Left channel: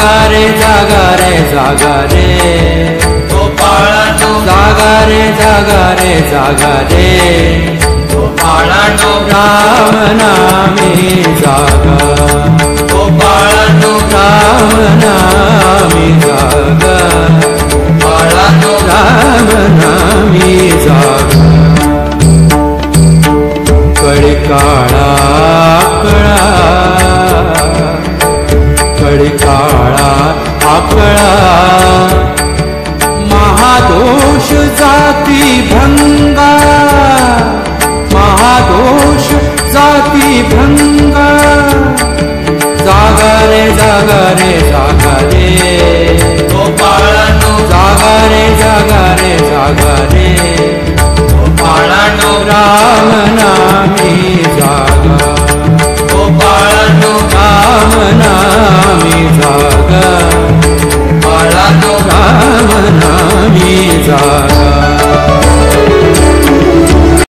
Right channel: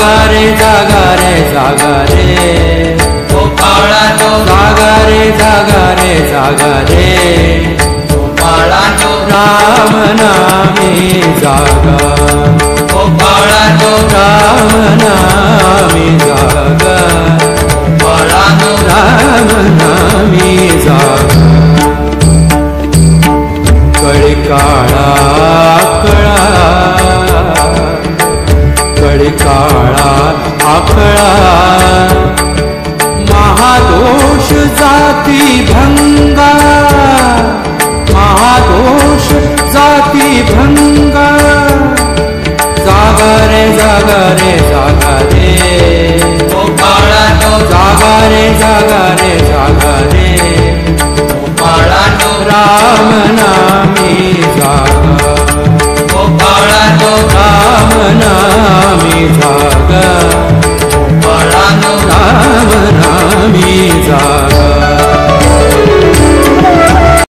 जागा रे जागा रे जागा रे गोपाळा तो जागा रे जागा रे जागा रे गोपाळा तो राम नामी जागा गोपाळा तो राम नामी जागा गोपाळा तो राम नामी जागा कळी काळा आकळा कळी काळा आकळा महादोष जाती भंगा महादोष जाती भंगा जागा रे जागा रे जागा रे गोपाळा तो जागा रे जागा रे जागा रे गोपाळा तो राम नाम